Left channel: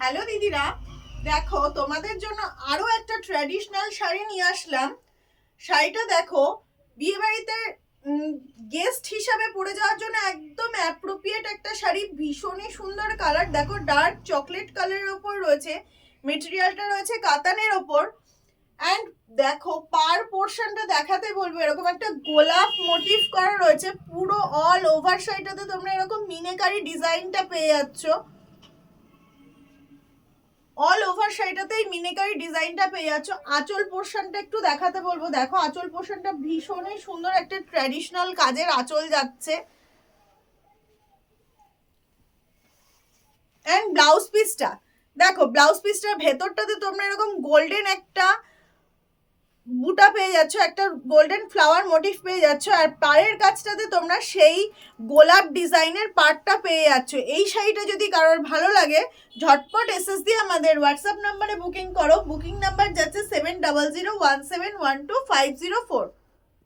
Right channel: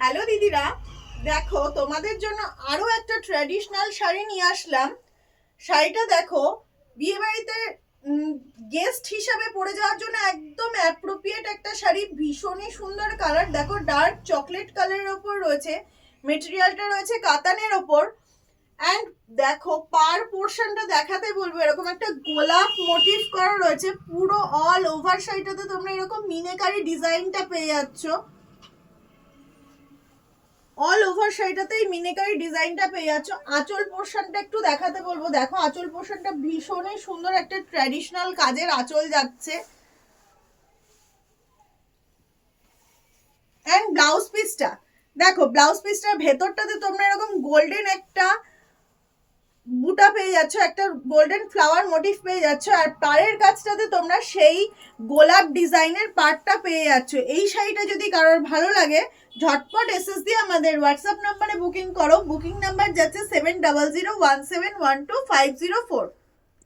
Hello দিদিরা, দেখো তোমাদের জন্য আরো একটা ট্র্যাডিশনাল শাড়ি নিয়ে আসলাম। শাড়িটা দেখো, বিয়ে বাড়িতে গেস্ট হিসাবে পরে যাওয়ার জন্য একদম অ্যাপ্রোপ্রিয়েট একটা শাড়ি। ভীষণই সুন্দর কালার, দেখো ডার্ক চকলেট কালারের ওপর রয়েছে, মেটেরিয়ালটা রয়েছে কাতানের ওপর। অ্যান্ড দেখো পার পোর্শনটা দেখাতে বলবো, এরকম একটা গোলাপ মোটিভ করা রয়েছে পুরো অল ওভার শাড়িটাতে। তোমরা এরকম মিনেকারি ডিজাইনটা পেয়ে যাচ্ছ। অল ওভার শাড়িটাতেই মিনেকারি ডিজাইনটা পেয়ে যাচ্ছ। আঁচল পোর্শনটা একটু দেখাতে বলবো, দেখো আঁচল পোর্শনটা ভীষণই সুন্দর একটা ট্র্যাডিশনাল কাজের আঁচল যাচ্ছে। অ্যান্ড ব্লাউজ পিসটা দেখো, ব্লাউজ পিসটার ভেতরটাতে তোমরা এরকম গোল্ডেন একটা বুটা পেয়ে যাচ্ছ, একটা গোল্ডেন ফ্লাওয়ার মোটিভ পেয়ে যাচ্ছ, আর পাড়ের কাছটাতে তোমরা সেই গোলাপ ডিজাইনের পার্টটা পেয়ে যাচ্ছ। এই শাড়িটা যদি কারোর ভালো লাগে, ঝটপট এসএস দিয়ে আমাদের হোয়াটসঅ্যাপ নাম্বারে বুকিং করো। বুকিং নাম্বার যাচ্ছে 7001712504।